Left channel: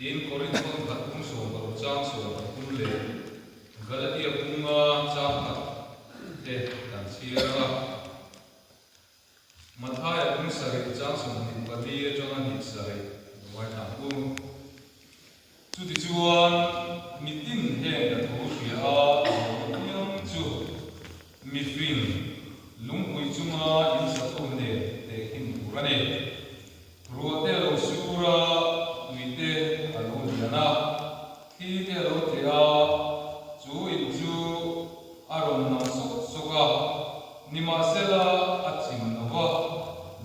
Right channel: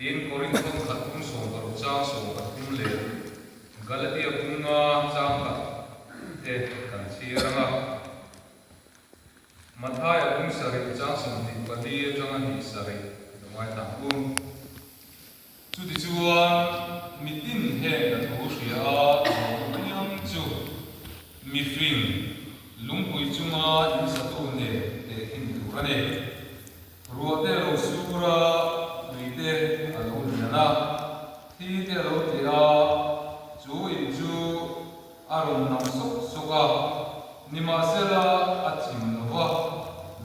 Tin Korinthon khatum so baru chang so khatum le Galatia bunga chang khat te kan siranga Mathaya bung sari chang so ni padi chang ni sari mai ta bung chu ti chuan mitin he ka tho ria nyam chu mi fin lungpui chunga in sa to ne te in turane ruate lo sura tuite alo yana thi te lo te a chu in chu aron nam sok soka nima sela achim nowa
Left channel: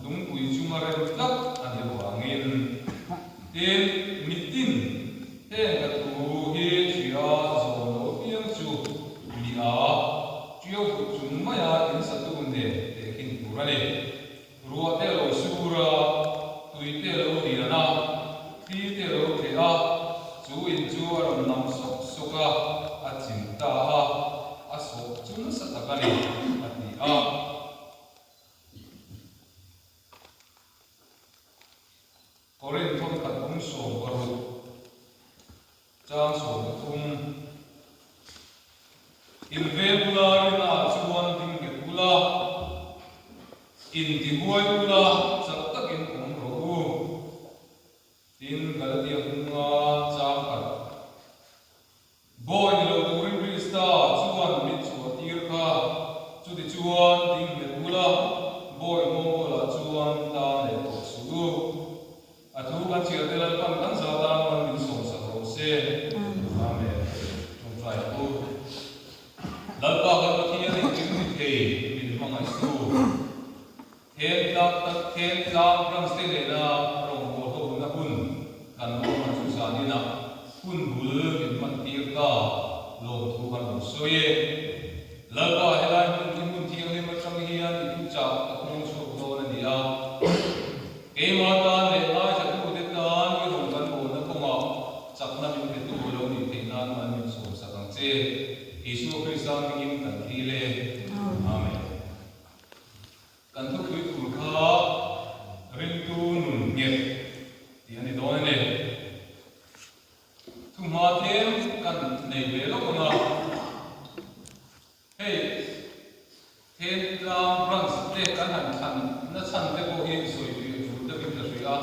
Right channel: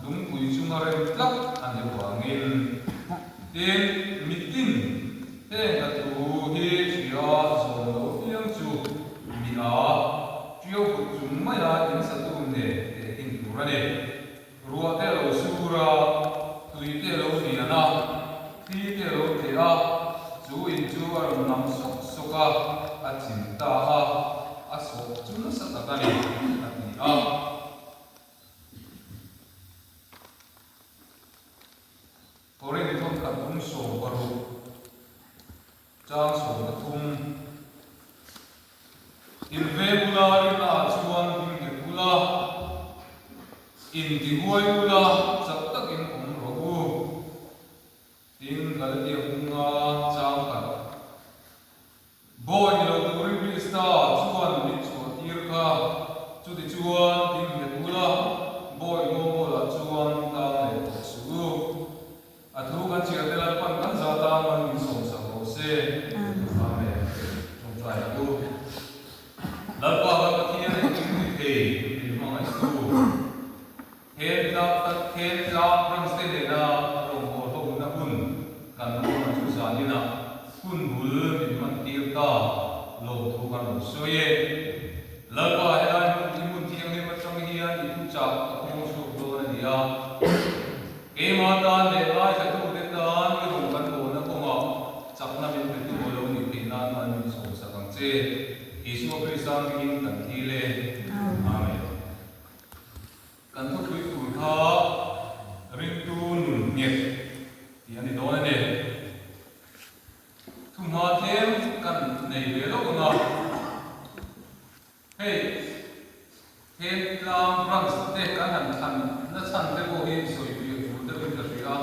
lungpui chunga rem tlak ane wangin ten mitin he ka tu he ria zo lo piang chu mi a chiu chung maya in sa to ne te in turane ruate lo sura tuite lo yana thi te lo te a chu in chu aron nam sok soka achim ta a sok chung sa ta kani ani a Korinthon ka tum so baru chang so ka tum in vegula ina chuan ding ke pula in di huai pula chak tak in ro tin Galatia bunga chang ka boy lo ri sta chuan mit chu tir ka chu di chuan ding ke pula boy mo la chuan ta le to su athu kan chia te la pan kan za ta man min som sa ro se amen chung thai ku lal pa ka ti ne ti ke min ma stu he ta ta he za prang se le na rong ko to na hun kan no na chu sa ni na hun bul min man ti ta lo thu kan lo so ye lal pa he la mun ti ne ma chang hi an ti tu cha ko chu do na ni a e ma ta ne ai sa tu de ta ni rong kan ko na ko ma chak na min te tu lo ni te na man min so sa kang che Yesu Kristus in kan thi le amen kan thu khui tu kha ring tu nun nyet ti ani do ne thu ma them kan nei le lo nga hey hen lang rang te kan han than na chan te ko hi soi pi fu te bin ta ria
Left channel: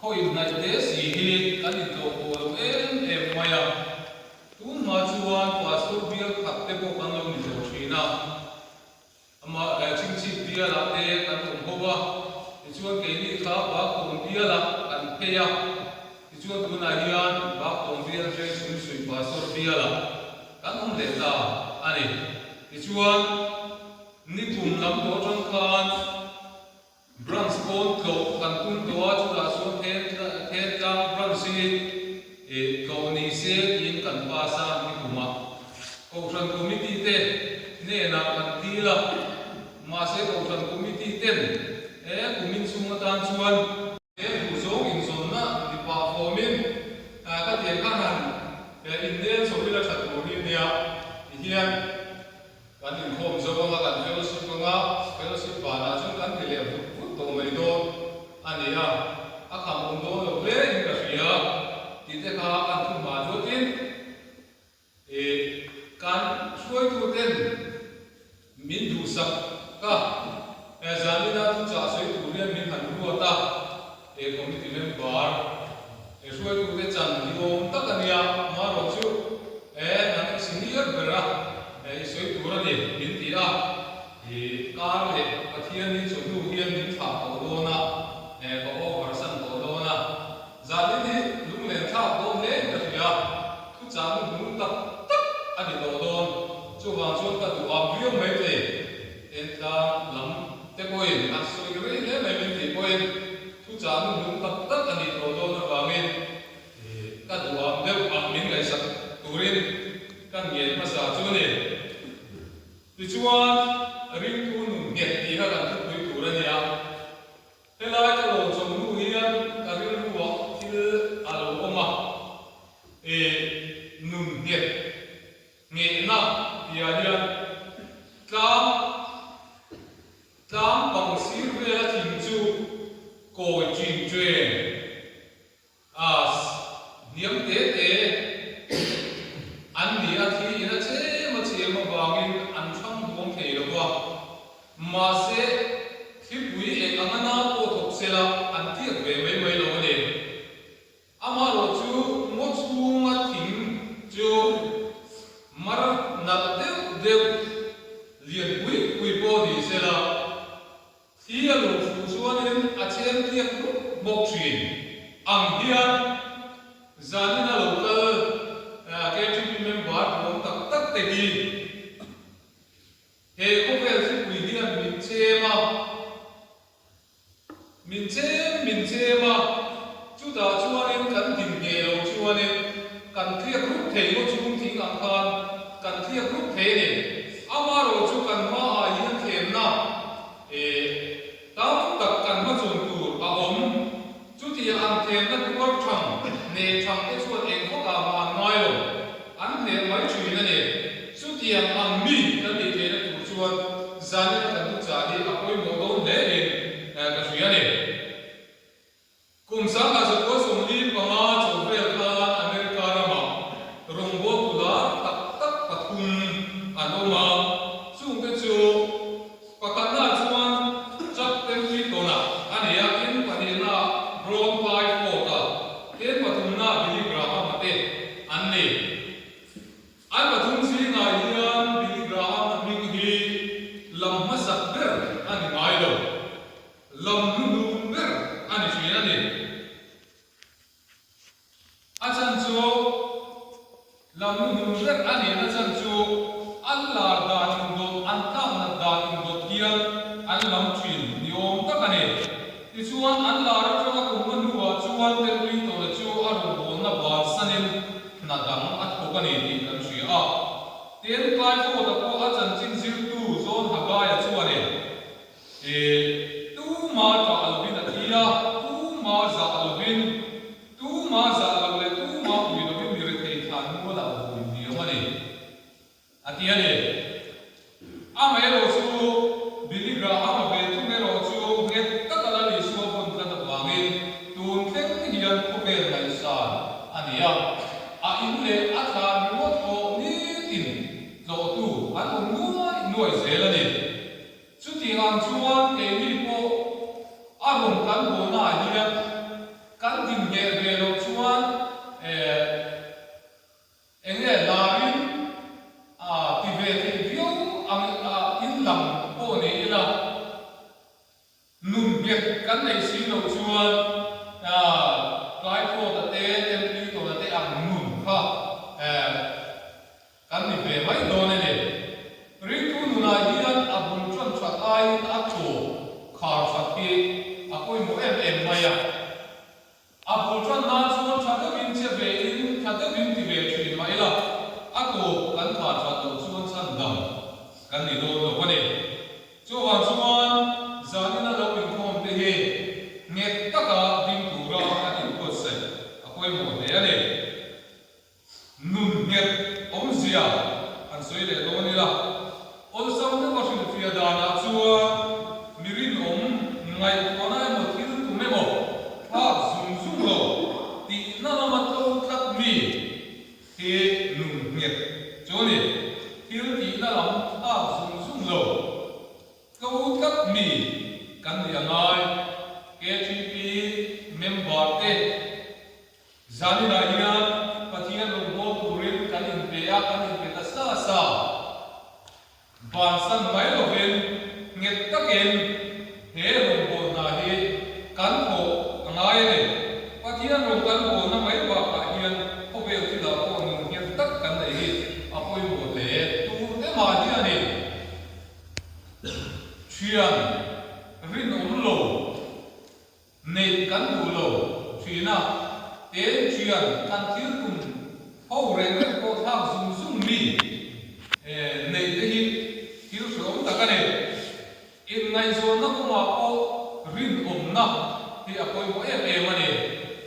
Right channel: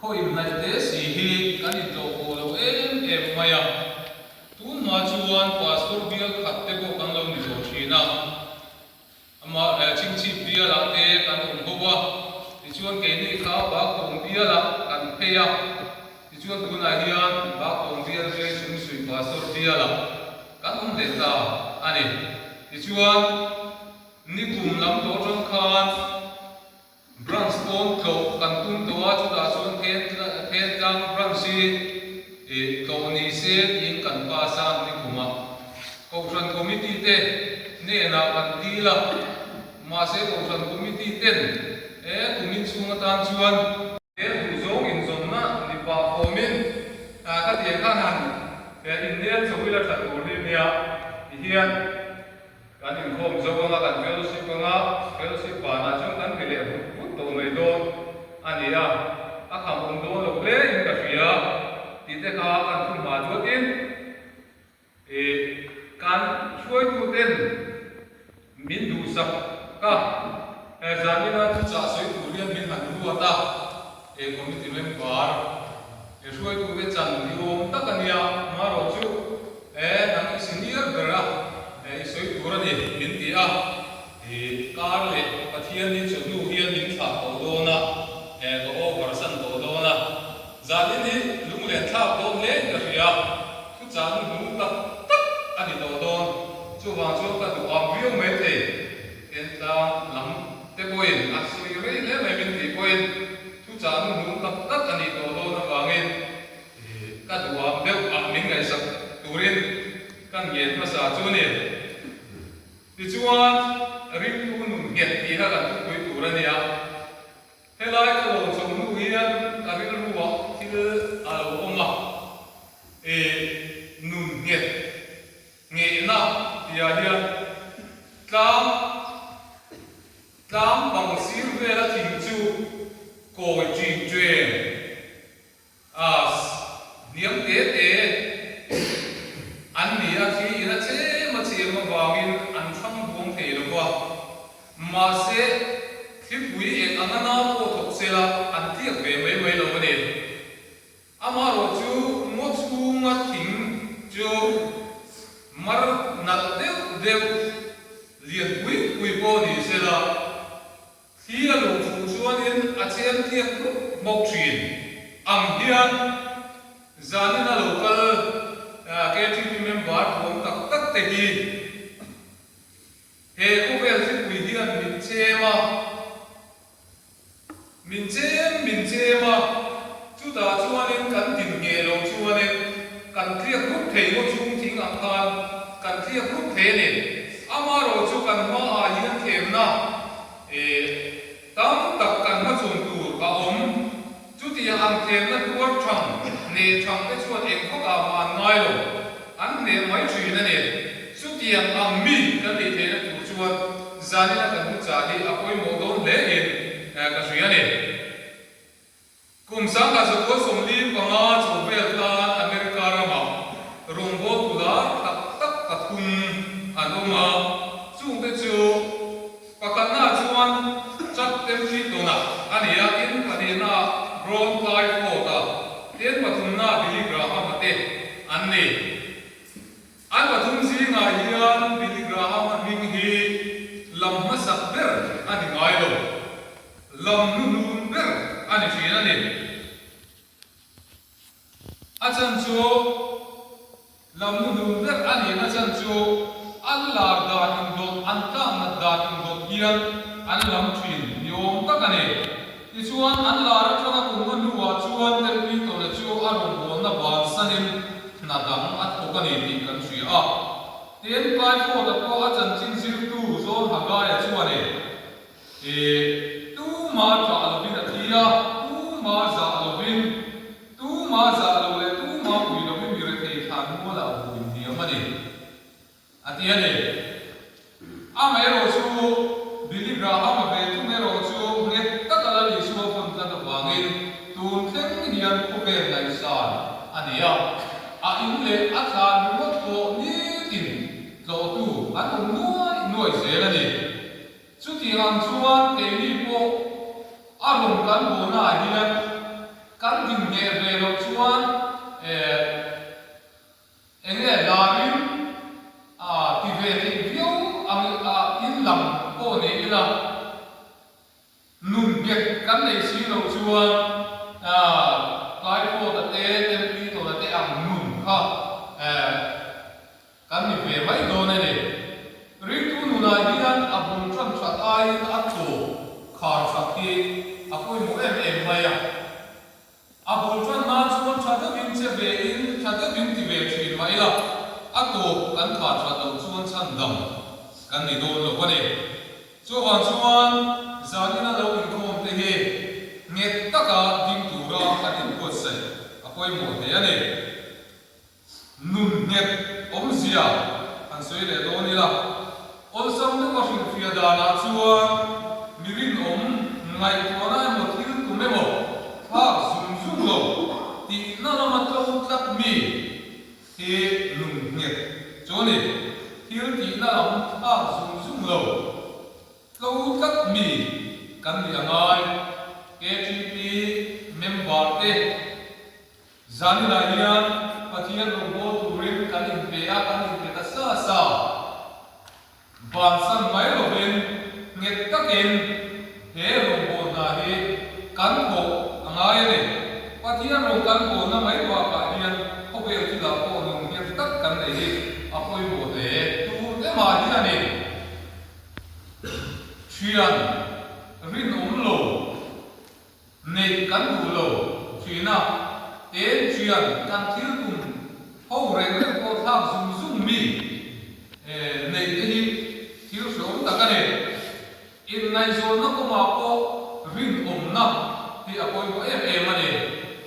khoi nai te si hi kan i to ko lo em maya tu ma chuan pastor bia khat te ko kan lo ni lo thina ama ching chi bia la te kan ho ba ti chuan ke ni kha ba ko bia la kan pe ya ti chuan tu na hian ba ko bia te sum sui pastor bia la kan le ta ani ti chuan ni kum lam to chang khan branch stone klo kan tum to wa chu da chuan ken tang branch si e ko ni se in kan pa sa ni kuma ko ran committee te ne na kan ti la ma se ko ran committee ten e kumin sunga tan chuan e du zong in zon na ni pa fomin a ka ti khan han e in ne choi la that ko ni nia hian kan in khom zo nga kan fellowship ba na chung kan ti le put to mai do ani a kham do lo le in ka ria ti te kha kan thum ma jo tin e kan chuai tu ten min du sak ka zamina tu cha soi tu rian min han ru ta e committee member e chuai tu ve chan ni om ta kan ya ma ro chu e nang senior bera e soi tu ra ni min ti a e kar le pathian ni chu nu hian min tha ko do na e to over san to do na zamini lung le tha ko le na ria tu cha nu ta tak ani to don chu wa chu ka tu am riu me te en ta lam te koin a sui re le me min ti koin tu cha nu ta tak ani to do na wangin e ka tu am deu am min ngai sak turin kan yen ma sa chu ni ti chuan ring tu nu nget ti ha kan tu koi tu ra ni a helai ko chong nu hian ka ri lu wa thil a lo oma e nun nget nge na ti a hian tlam bang sir ve la thing chu ko ji jwe as la an tiak ve mai lo ne ama ro chu mo chu nga ting chu mar na de lian pui po ni se la thia lo fu chuan in a chen tiak mok thin ang hian zanina local KTP member rom tak te hi he ko vel si pui hian min chema chu ta chuan in kan din nge lo chuan in kan thiak rup thei lo chung thing ang kan thiak rup the ne ama ro chu kan ma a hian them na tam tak kan ma chung tu a om chu ti ang them na tuar thang ne thang te chuan eng kho ka ma ngai lo an ne mai chui na ne chu ti ang mi kan ni te na tu chuan zani na kan cha ni a koi mo don le in ka suya ne kum sang ka so som li pa ma chu vel ka America rama rongbo kula tak pathum anoma chung te chu pakatna chuan chak tem chi to na ania in panina ron pai pho ta ten pathum na bi graham ate anne an pathum si nga hian bi graham mi hi lam masak ber ani ngai lo lam nu ber ani chi na ne achan chu lam nu ber ani na chan chu alla da chung do an ta na da chung do hian an lam thin yom tak ane ti chuan an la ra thanga kum man nuwa chuan tel pi to na chu arong bol na ban sanem na dam at ko ka ne ti kan sui a ten kai pho ta ko achan chin zir tu zon haga ya chuan e tu ma ta alvin athia tu ma za alvin tu ma za alole tu ma ui do mi re thei than mo la hu ni amane atia ne ama ero chu Billy Graham ve tu ne ro chu nge takala li so fon ta da wangin tun theng hian ko be lai san ania a in le a tha ni mo ko ni tin zo tu an ong nuai zel ani chu ti ang chuan te ni po a rom kan bo na hian kan din nge ve lo chuan enge larin ti ve ti view ang in lam po ne ila nun get kan nei si lo chuan kai po ta te ten pi to ta te ang nun kha kan ni ve mai do ne ne ri tu nu na hian a bun tran chat ai a tho khar sakhi a koi mo em mai a bun tran na chuan thada bin che ve in thada bin ti ve thin mai la a ko kan thar chat lo chuan chan dam kan ni do lo ko ne chuan zanina lo in khom te he nget taka ding tu ra kan in ko sai a koi mo ne ane nun nget om zia an soi le do ni la ol sam na ma shin fia da na chuan mirin om ngai ko na mo thil tu me mo ha zum lo ti na na ma to kat mi he nun nget choni thil ti na lam ha zum lo câu cắt mì căn nhà ngay KTP member te zani na hian pathian lo mo turin kan in pe ta sa ban san mai lo hen nget taken he lo bo na hi kan ko angai ne pathian lo kan ko na mai wa pa hian ko be ti la ko no nget tak kan nei hi apoi mo le tu te ma hian ne Chuyên rin lo nei kan du lo chuyna te chuyên kan thil tum ho reng reng ko thak zum mi nei te hi thil som ta ka ne in ngai zo na ko ma ko rin na ti a koi mo em ane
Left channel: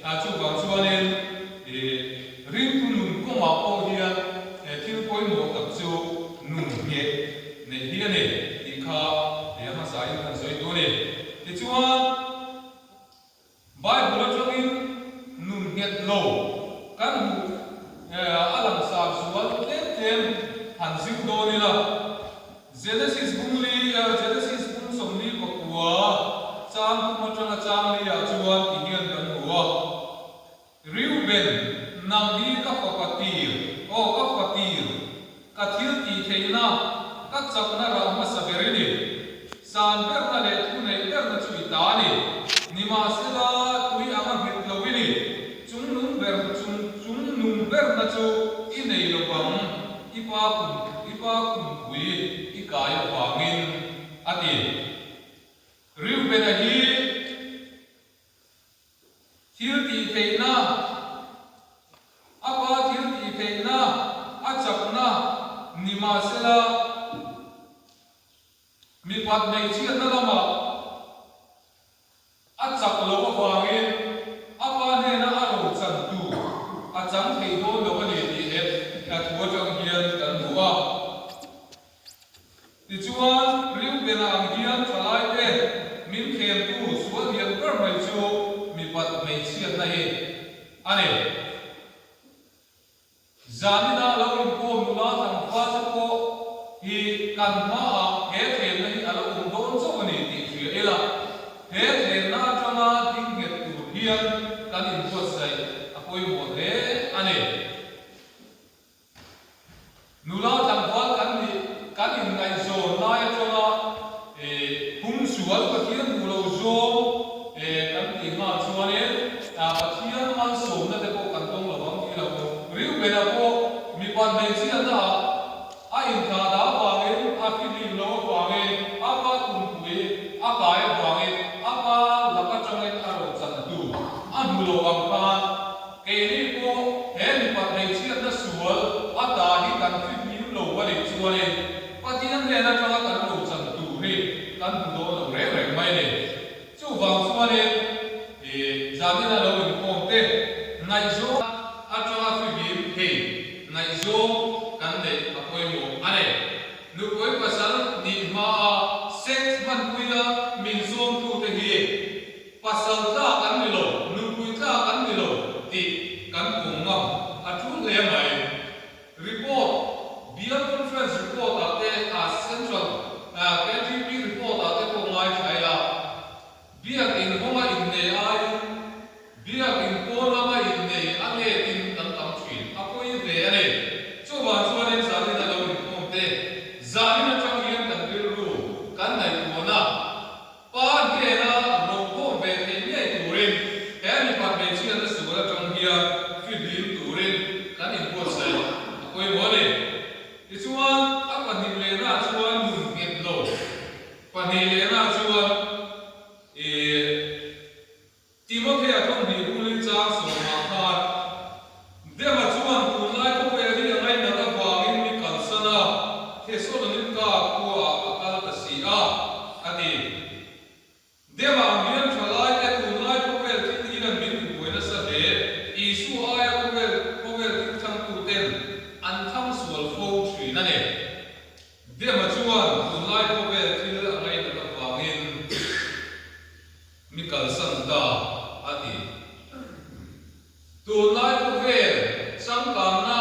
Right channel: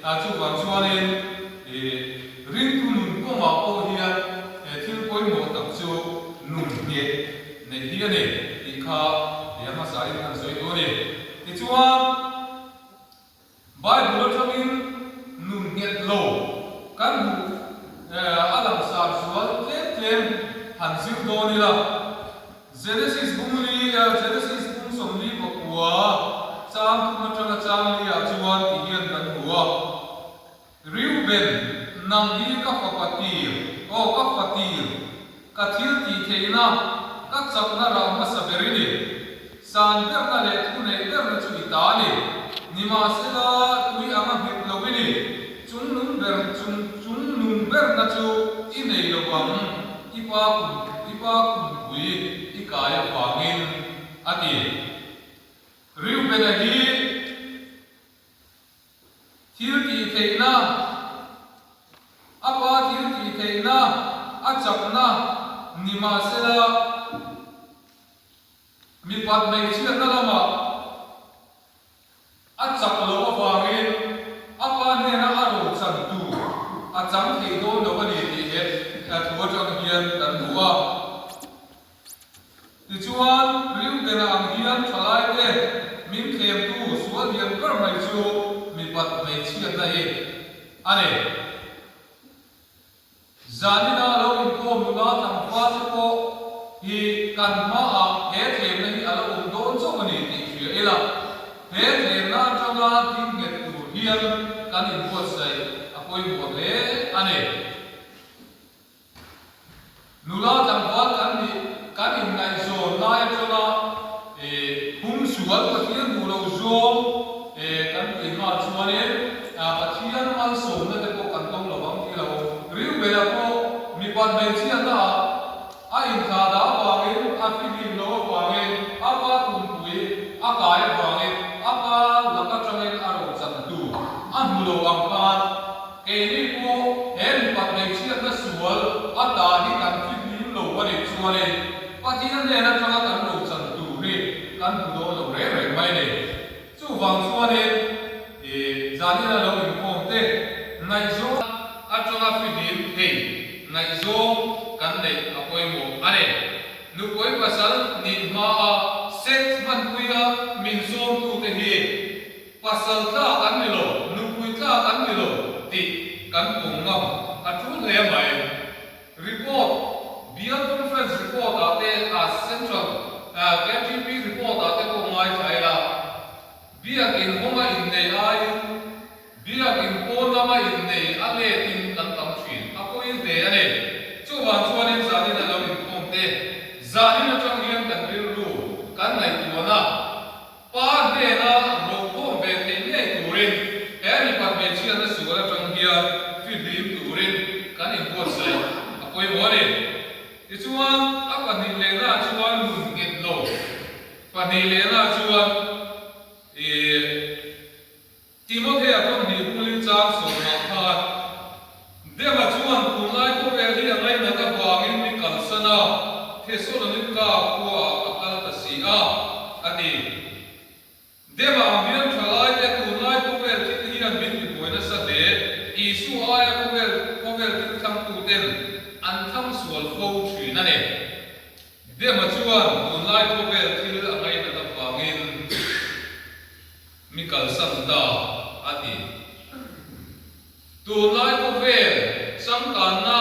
a chu ban chuan en rin tu nun ko ma ko hian thil koi mo tak chu nun nge nei hi ane ti kha ma sai kan soi do ne ti chuan Bible thamin nun nget lo kan alam sa sual tlem han siu do ni la Genesis bum som li ko kwa cham ma chang chang li ben nang hi ka fapatir o ka fatir ka thil ti theina ka chakna ra ma saberini san ber na le thu nei ber na chui ta ni nima sela tui ama hit lowini chung nung ber na chu i nei lo bang ipa kum pui i kai wangin ati riu ben a hi thil ti theina apa thil ti theina a chakna nima sela mi pat mai chian na lama a chak lo wangin apa ne na aro chan tu a chang thei do lo ani ti he a thua chang hian kan duwa ti chuan riu ben ang hian thalai te min khem tu suan hian kar mai chu mi pat mai chian na he ane zanina lo in ko nula tam fa ko hi kan ma a he them na hi alo don cho ani ti thia ela he them na changa thing nget tu hian kan in ko sai apoi mo le ane nula tam fa kan in ngai zo na ya changa hum sual ko hian mu lo zo kan ti ma chuane a pathian man som na te ko kan tong lo bang ti lo riu bela ko mi pan mai chi na a in tha da wangin a fili lo wangin a pa kum pui a kai wangin a pa laka changin a ro chan tu a mu lo ang pan ke ni ko he mi pan mai chi na sual a ta hi kan fili lo wa ni chuane pathian ne na changa kan ro chan tu he kan mu lo re re mai ne chu wang chuane zanina lo in ko te nai zo a changa fili he ngai zo kan nei apoi mo ane nu koi pasal ni ma a sex man kuya min som tu te hi pasal ta kan ni lo nu kui ta kan ni lo ti kan kong ngam a thu le mai report bial conference report ate a central KTP report ate ko ngai thai la biak in honga in nei ai biak in ko nama in nei ale tin kan tam thin apoi de ane chuwa chuanin zanina lo in kom te zanina chang hian kan bil ru kan nai tuana pa de na ro ko be the nei turin he ni pa be chian na sugara chang hian fi dim turin kan in ko sai apoi mo ne ti chuan a pa ni le na chuan nun nget lo pa ni le na chuan Timothy a thong ni ulin chang so ma khat de ma chuan kun lai ko ve ri ngai na ta wangin mi kal sana the so na nin ka ko akal ta si a ati de ma mian thalai te kun lai ko ve ti ni ran bin ti boina sa de isu aya ko ve ti thang tu ten an tham sual fo thri na ne de ma chuan kun lai ko ve ti la ngai na ta wangin mi kal san ta ati tu lai ko ve sam kan na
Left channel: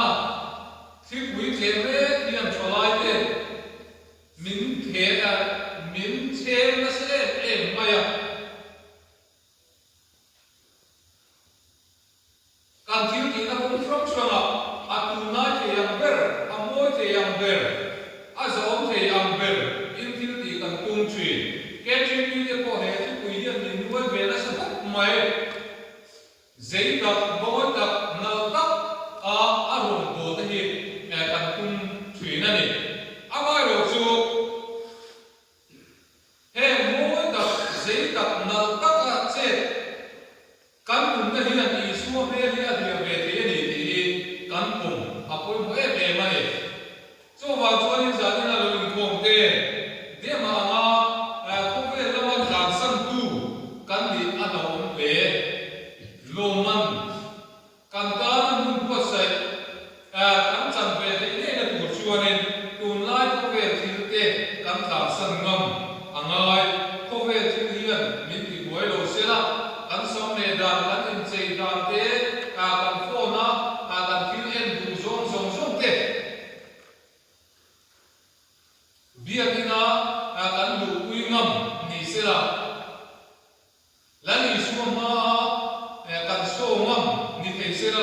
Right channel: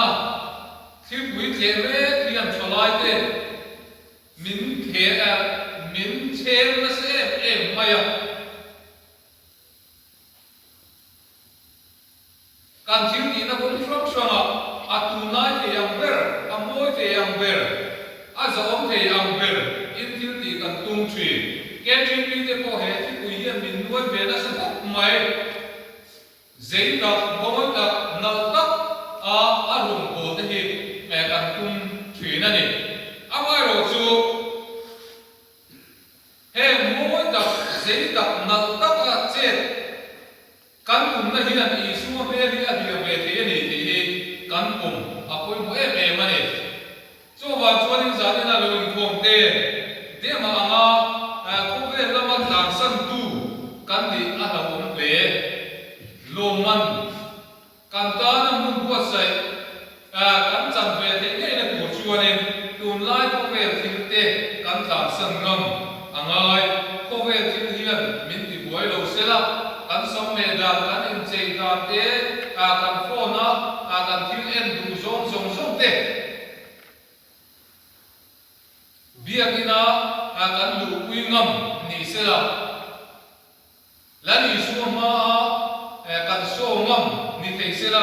thi pui the ve tian cholai te min chen na se maya kan thil ti na bun from swanga atu nai the yang ber amoi the yang ber a zom the yang ber in thil ti kan tung thri ke chin pi te ko he thi pui hian min nuai ve na sa mai zai tak boy tak nal tak a rum ko te hi kan kum thri na ni amai ro chu he moi tak zai tak nal tak a chet kan kum na hi an i su ve li a hi ve the ni ti kan kum apoi mo ma ni chu wa chuan in za na lo in khom te de ma anga ko ve lama dan san tu kan ni a la om le lo man kan ta na mun ko sai kan chan ve te ne na tu chuanin tun lai ko ve thil te kan ta san ngam angai ko ve thil hian min ti boi lo sela kan som me dan kan in chei dan te kan fo na kan thil en du zong te biakina kan lu pui ngam ni sela lani su ma kan so ngam ni thei se la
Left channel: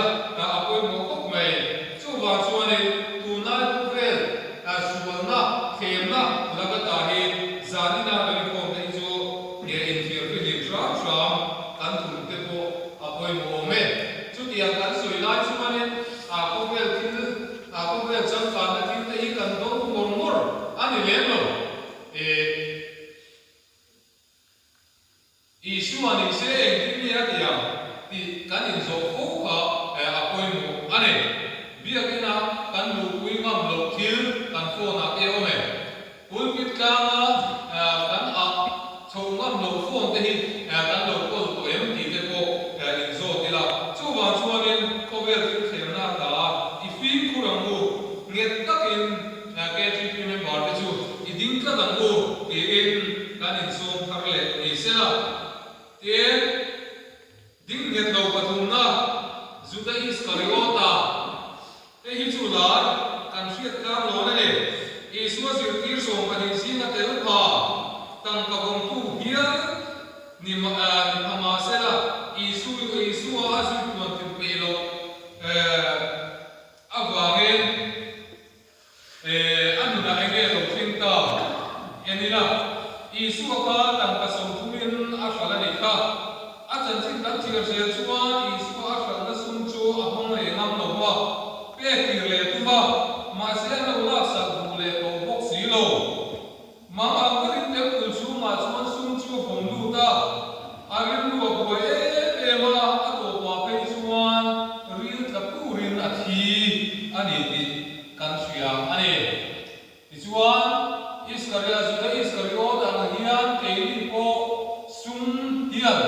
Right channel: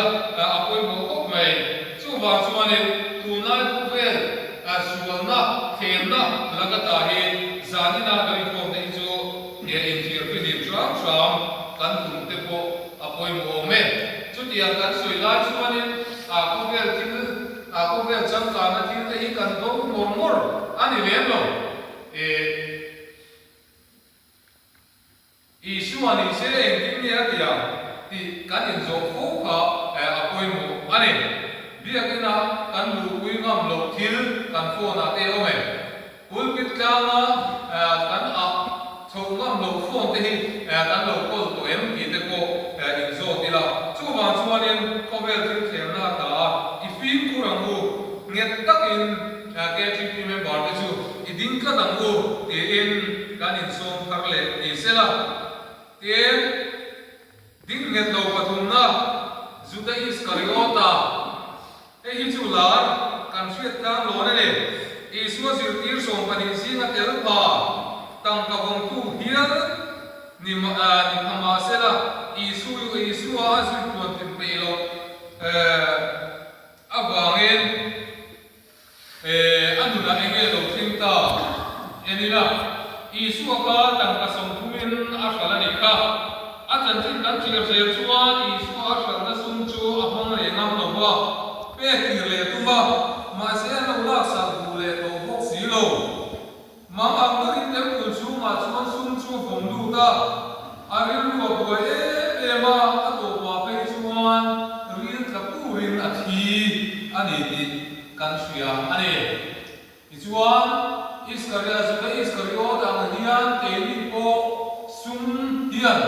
apoi mo kop mai chu wa chuan in tu na tu vel sual na khem na laga ta hi zani na loi ko te chu ye in thir fi lim tram tram kan thum te po apoi mo me chu tia kan soi lai chuan in ko vel thil ko vel cham ka na thil te hi kan do mor mor ani lem lo Isuan in se en kimia dia ti kan in zo fo kha apoi mo ani bia kena kan lu kui ngam lo thil kan fo na te ome pulpit ka na kan chou ngam lo fo te hi kan lo ko to em ti te ko in zo ti la chu wa chuan in ko vel thil khem na ta I feel kurang u nget tak in ke ti ti me ba te chu I ding ka dang u ti in kan in som thar le ni se la Tien ding nget lo pathum na Juda Iskariota hi chu lar kan hriat kang lo na le Isua zir tir som panin sin a tel pha tang ka bom tu hial ni phama se la Isua a zir tuan tim pe lo awangin anuna enge lo thinta enila Isua ka tang ka som thumin a hral ani kha a chan thin kan chir zel chuan Isua a hral na sum chu a hmang le ngam lo wa pe kir le tu ba ma se na ula sa bu le lo bok si lo ma ang ka rin tem kun chu ma chuan sum chu hom lu ta a rin lu a bo e ma a to wa pe chuan rin ka pu rin a thi ani ti kan sia ani ti chuan Iskariot ang hiyan teili po sum hiyan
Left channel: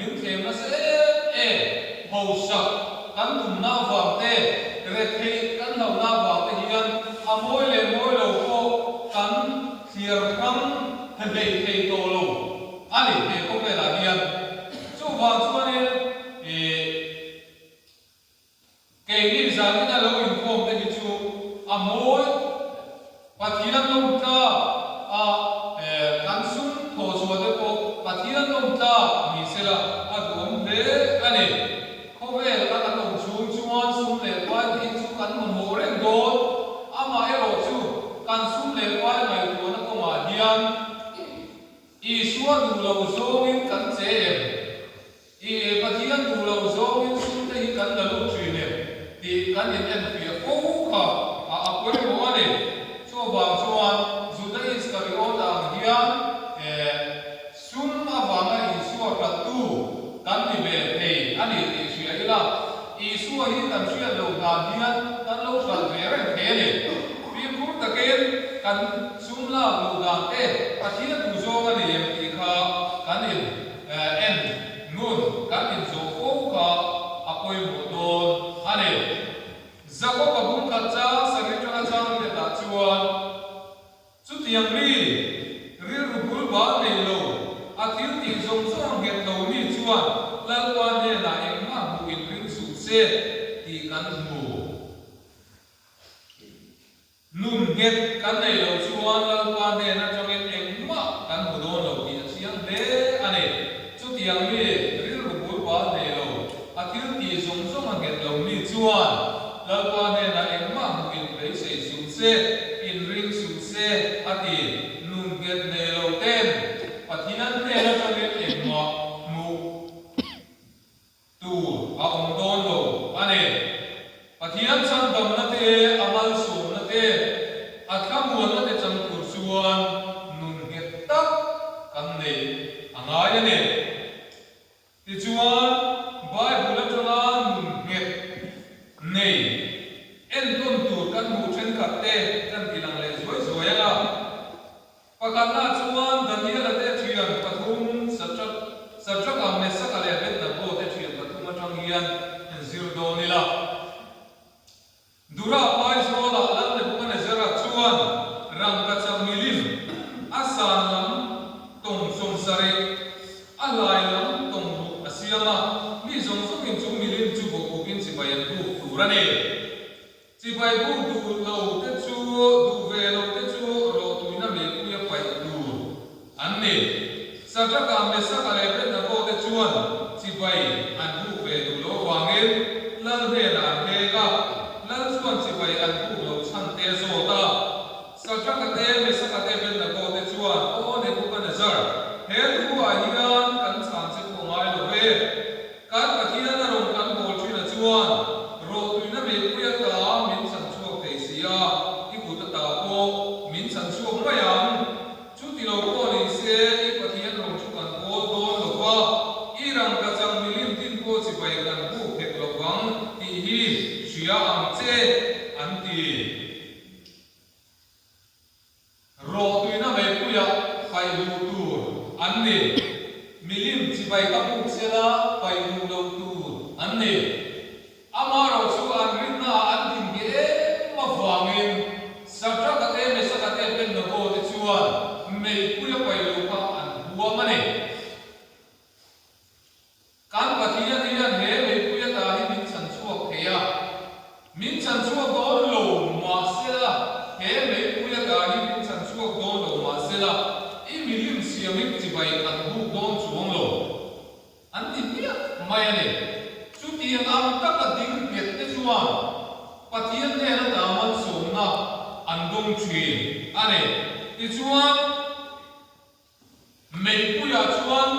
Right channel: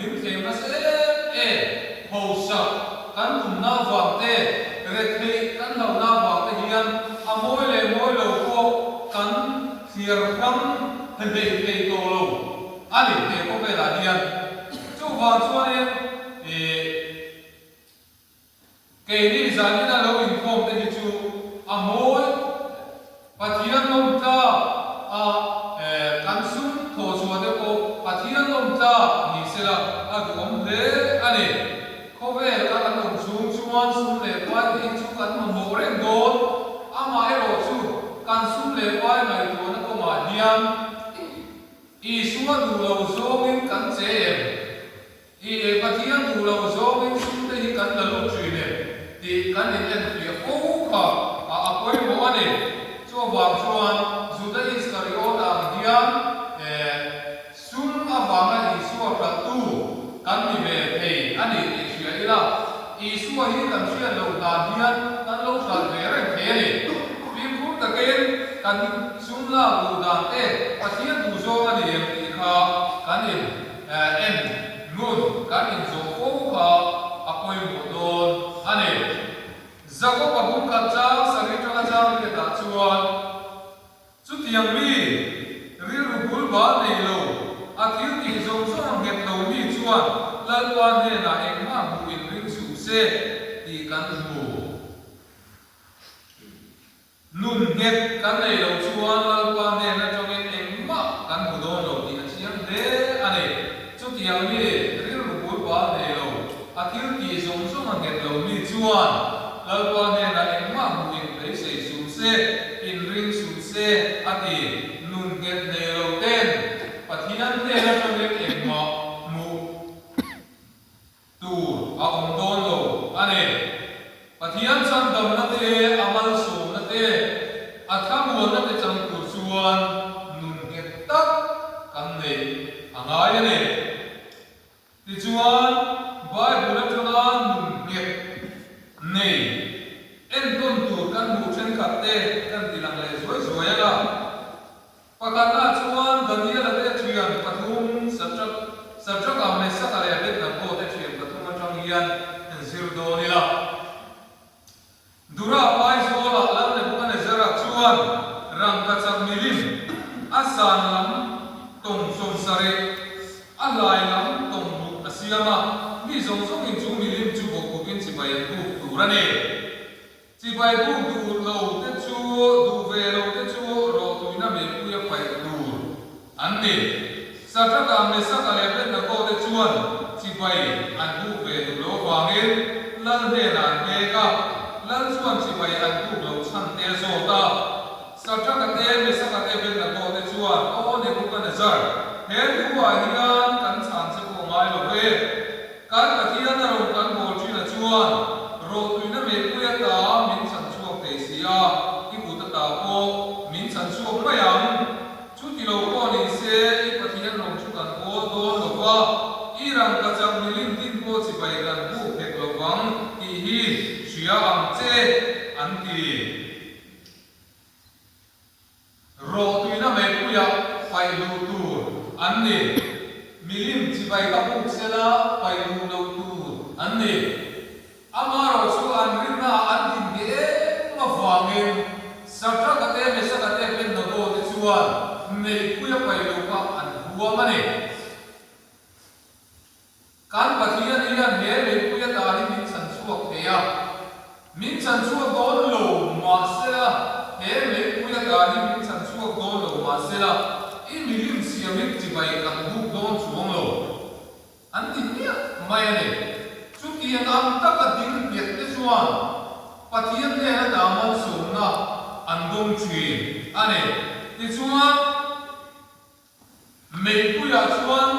min thema se ho sak kan tum na wang te rekhi kan hau na wang te hiyan amoi le moi lo po kan thiar kham hei hei to lo ani te ko pe la hiyan chu wang chuan ke ni zani na lo in kom te hi chu amoi pathiran nom ta kan sum tho chua de ko pathiran nom ta ni sela adu om de ani khove ka kan nom chung chuan sum le kwai hi chu kan mo reng do ama ero chu kan sum le kwai nai ko na ko ma hiam I suwa du lo zo min kan che I pathiran du lo zo min sum te hi kan la lo chui ne ti kan in en fi ko ka apoi mo ani chu wa chuan Juda Iskariot ang hiyan sum avanga Isua ka tu kan ni ve thei ani ti sia ila Isua hi kan sia lo ka hiyan kan lo sa ve re the ni pi pu ta ken kan sum la lu da te pathian du zo ani em ti kha kan in en nun kan in zo ko kha apoi mo don ani zako ka bum ka cha sari cha cha ni ta chuan Chu tiang mi ri ru bul ba nei lo a thil ti zong zong het lo mi chuan lan wan he na eng ma bu in ring su se ti kan mu nun het kan nei lo chuan lan wan he na chong eng ma kan bu don lo ti a chiang de ane chu tiang mi ri ru bul ba nei lo a thil ti zong zong het lo mi chuan lan wan he na eng ma bu in rei se su se in ring su se ati nun get ne lo ten pathian te la chole em ma mu tu a om don lo ane pathian chan dam na te amal su na te atha mu na te chang tur chuan nun get tak kam ne angai ne ti chuan bai bula chula nun get nei en don tur kan mu chen khat te kan tilang le zoi zoi ala pakatna chuan Daniel ate thian pathum satrak amne sakale bet na ko te thian pathum atang hian en zir do nila dura pai zola lan ne bukane zara chuan rang ka chak milim asan lam tong som sare alai lam tong bu asiama mi zong zong in chu milim chu bo ko kin chi bayan tu turane chi bai bu du lo te chu du ve lo te chu ro tu na me ku ya pai du an ne sa ta ka me sa ka le pe na ko te chuan chi bay an bu về đủ lỗ vàng in lăn về là về cả lăn xuân chỉ bay an bu lỗ sang te zo ta sao chắc cái tên mới sao cái tên bên là có tên chuan ô này cũng cần giờ hết của hiền cắn sản xuất của mai lỗ về cắn cái thiên là rồi cắn bồ truy là chuan rồi truy nó về quê ta mình sản xuất để xia cái cụ ta tạo cô mình sản xuất mấy anh chú thì lỗ có đi xe cái thiên lỗ chú cần cô đôn lỗ va irang kacang milim tin ko si bai kan bu phek lo wang ti hi sia ang che an ti ro tuina me puya pai lu tu an ni milim si bai ka bu sela pai lu lo tu an ni amaro su an rinna an din ge ma wangin sabra ka te me sa ka te pen no do te chuan me puya pai lu ka an huwa mane kan pathian hian he me puya ta hi min chan chuak theya min chan chuak don lo ma sela he me puya ta hi min chan chuak don lo ma sela I milim siamik chi bai kan bu don chuang lo an ti nia mai ane chu ti am ta ka ding piet te chuan pathian ne na da man so na an dong chin ane ti chuan me puya chuan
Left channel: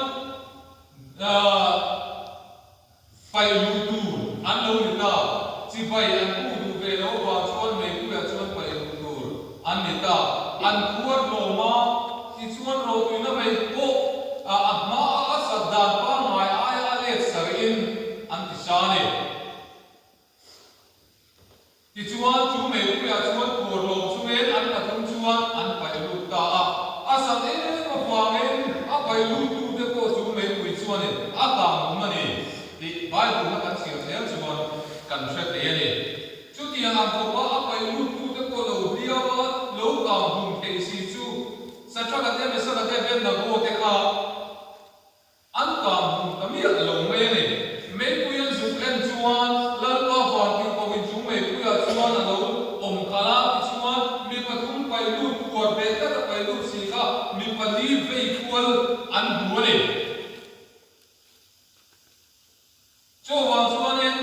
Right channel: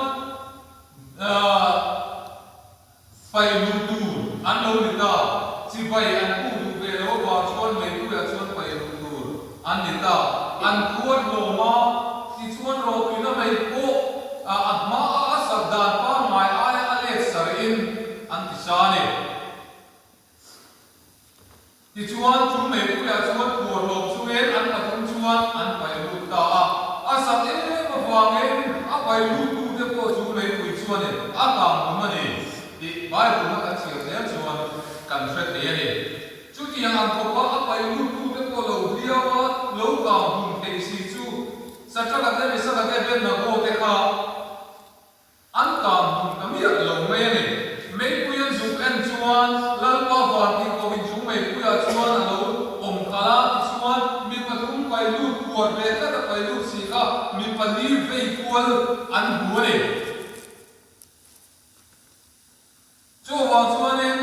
pai lu tu an lo ni ta chi pai an pu du ve lo wa chuan me pu ya chuan pai lu tu an ni ta an khuat lo ma ti chuan ro tu na me ko a ma a sa dan pa mai ai ale sar in an ti sa ne ti chuan chu me pu ya chuan ko lo chu en an pa thum chuan an pai lu ta a sa e ma wa nge a pai lu tu de ko chu me pu chuan ne a ka ma ne di Bible nó ăn chiều thế chuan cần xét thế này chú tiền làm có quá áp lu tu cái cô lâu dia mà lâu cả hùng thế si chú sao cho cái này sao cái bên nó có cái khác ăn cả hùng cái miệng lâu mấy này mấy cô yên dùng ăn chuan lần qua hoàn thì có mình chúng mấy cô yên chuan là lâu ôm cả lá chuan mình phải thúng phải lu quạt về các phải lu gì cả mình phải đi về quạt ăn bùa này cho vào cho nên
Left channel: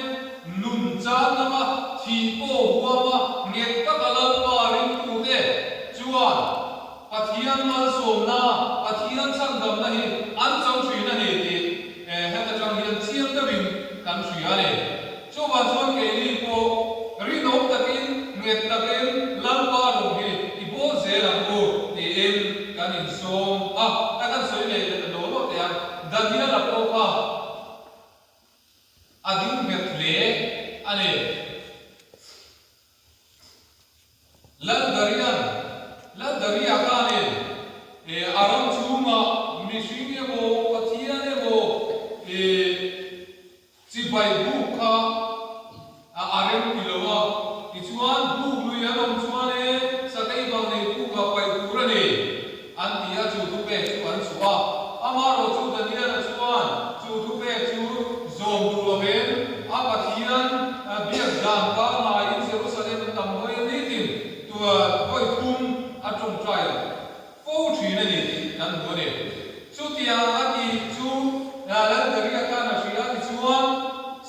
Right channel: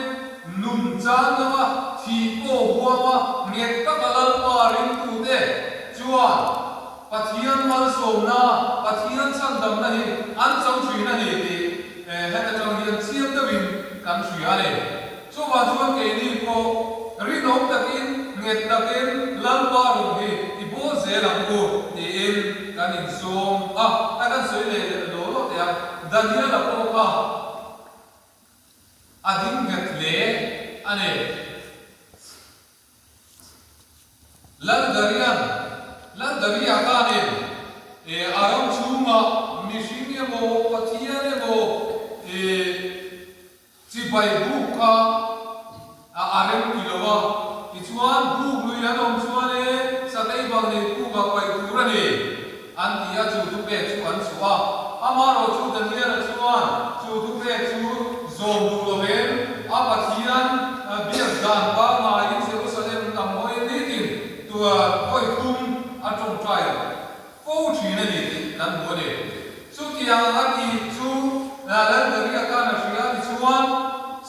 nung chan mà thì cô hua mà nghe các cái lần mà ring tu thế chua pathian mal som na pathian sang dam na hi an chong chui na hi ti hết ta chong hian chiam ta bin kan chui ale cho vào cho cái đi cô rin hom takin nghe takin lam pa ro hi i bo ze la ko ti in kan in som ta kan soi le lo lo te dan hi la ko ka adin ngetle ane lan daria ka ne aram chunga mishing ye bo pathian ye bo chi bai bu ka arem kilowa ichuan bu lu ya dom chuan e satai bang ne ku ga pai tur ne an ti a chu tu pe chu an chuwa amaro chu da ne chuan chu tu pe chu zom du lo ben a pathian biak dan ka na in Jerusalem tam hoi ni tin tua hoi tum a trong trai fo thri na ni nan bo ne chu tiang a ki chu la lan da ria ka na shia ti chuan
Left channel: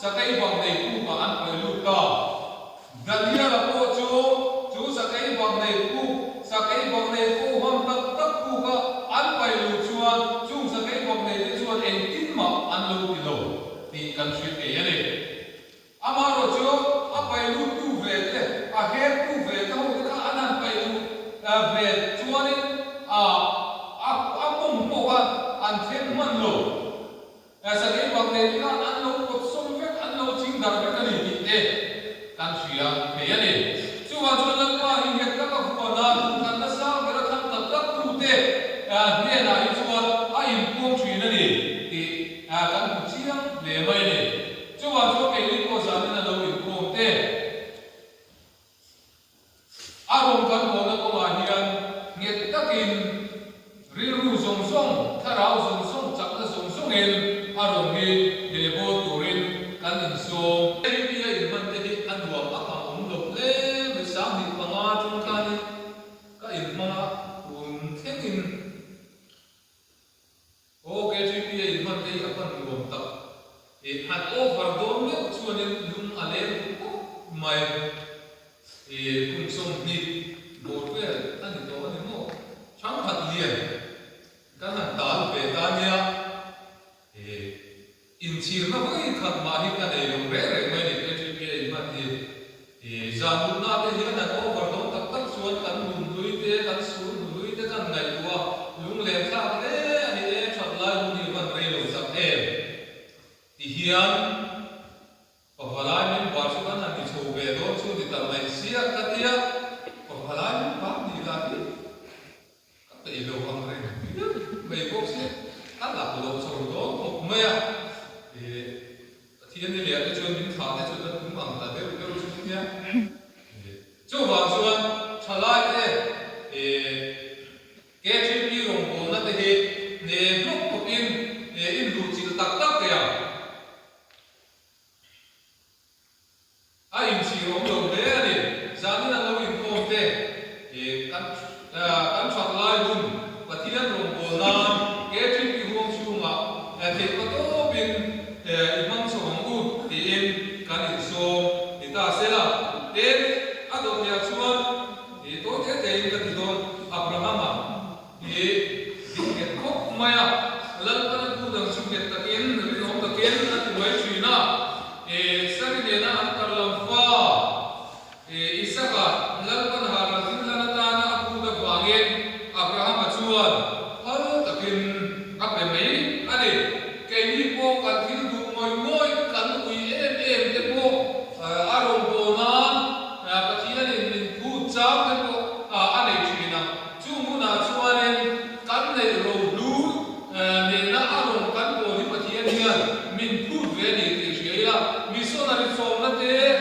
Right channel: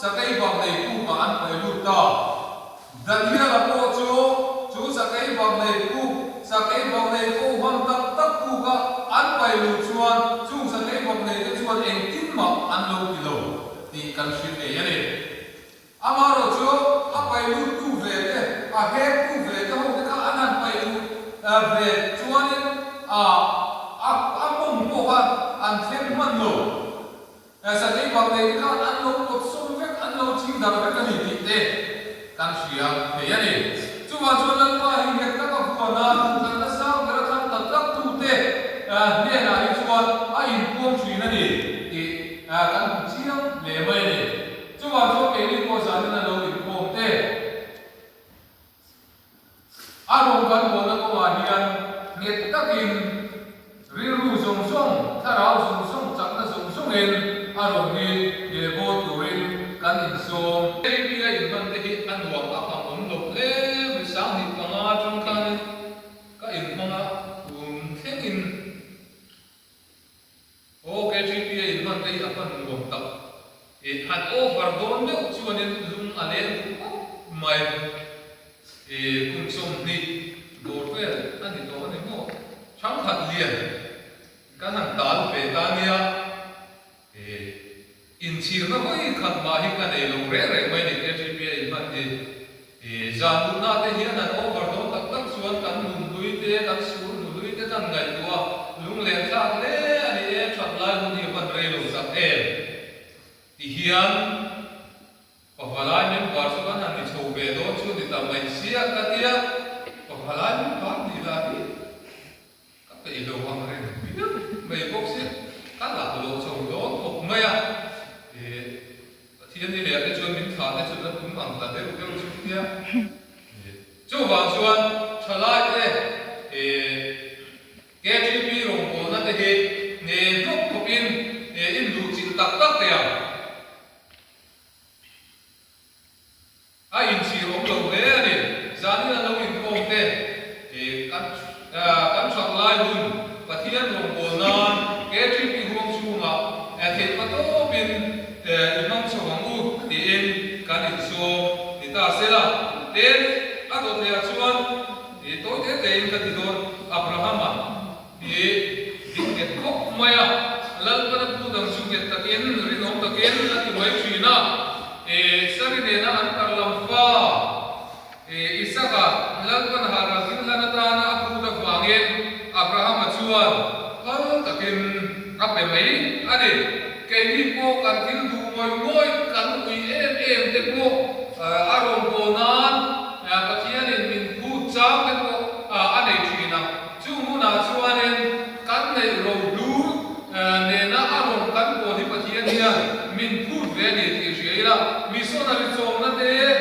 sakai bang nei ku ka an pai lu ta dania la ko chu sakai bang nei ku hon tak tak ku ka an pai lu chuan chu sakai bang nei te chuan eng tin ma an lo ti lo ti kan shit e ya ne amaro chu a pai lu tu ve te a he tu ve te ho te ka anan pai lu ve chuan a bom po ka an them man lo sakai bang nei ka an lo ko som ve an lo ching dar ve ka ni ti te kan shia e ya ne chu wa chu lan pa hi he ka ka hu na kan na sa ve ra tham tak tak tu te ne na ri chuan a in pom thri na ni ti kan chiang le mai ne chu wa chu ke li ko sa na lo in pom te a rom kan bo na ko ma hian nget takin ri ru song song tharau song song chak na song song en a rom hi ye bo turin kan in som ei bia in ban te hi an wa a ka om lo le mi sang ni ka nga chung kan ka in manga theng in o ke chi bia in ban te hi a ban ngom tak han overdone me chuanin lung alen mai kum som ni borwell ani to ani mo chang khat lian kan han tal pe tania in chir na hoi khat ma hi kan ei long re re mai ni ke chi pe ma zanu na te hian an overdone tak tak chuan kan lung lui te kan sur lui te kan ngai tua lung le thak le ani e that lai hu ni ban re lo sak em ti hian pahalai men war chu kan han ni chho ve do chu ni ta mai sia ka tia pahalai men ba ni la ni ka pe lo hang re mai bok se ka la lo chho do to mai a thiên đi lẽ cái chuyện mình phá cái chuyện là cũng bằng là đều đều chung nhé chú vàng xuân trả lại cái cái chuyện bị rồng cổ nó cái gì nè lúc học in đủ chỉ tắc tắc đấy à ai in chỉ rồng lồng đấy à đi giá như là nó in không thế căn trả lại luôn và thiên rồng cổ non cái chuyện bị rồng chung à thì có tốt bên imam sobangu di em kan in so ita sela ten ado te chuan e to te te in ka ti don abrahama e diket khop maya lal pan pu dang su get taken ri nom taken la ti mai china sari ne na an karlam fa isaka lal pan hara hin la na ta na pu da wange abrahama chuan hal taken ape mai ade cái đi po cần thiếu đủ ngồi cần tùy em thế po arong po nan cái chuyện này mình thu cháo thế po anh ấy chỉ nào chú muốn nào chú anh em cần này rồi lú nên na arong cần po thì cái chuyện này mình thu về thì chỉ là mình số nào số nó thế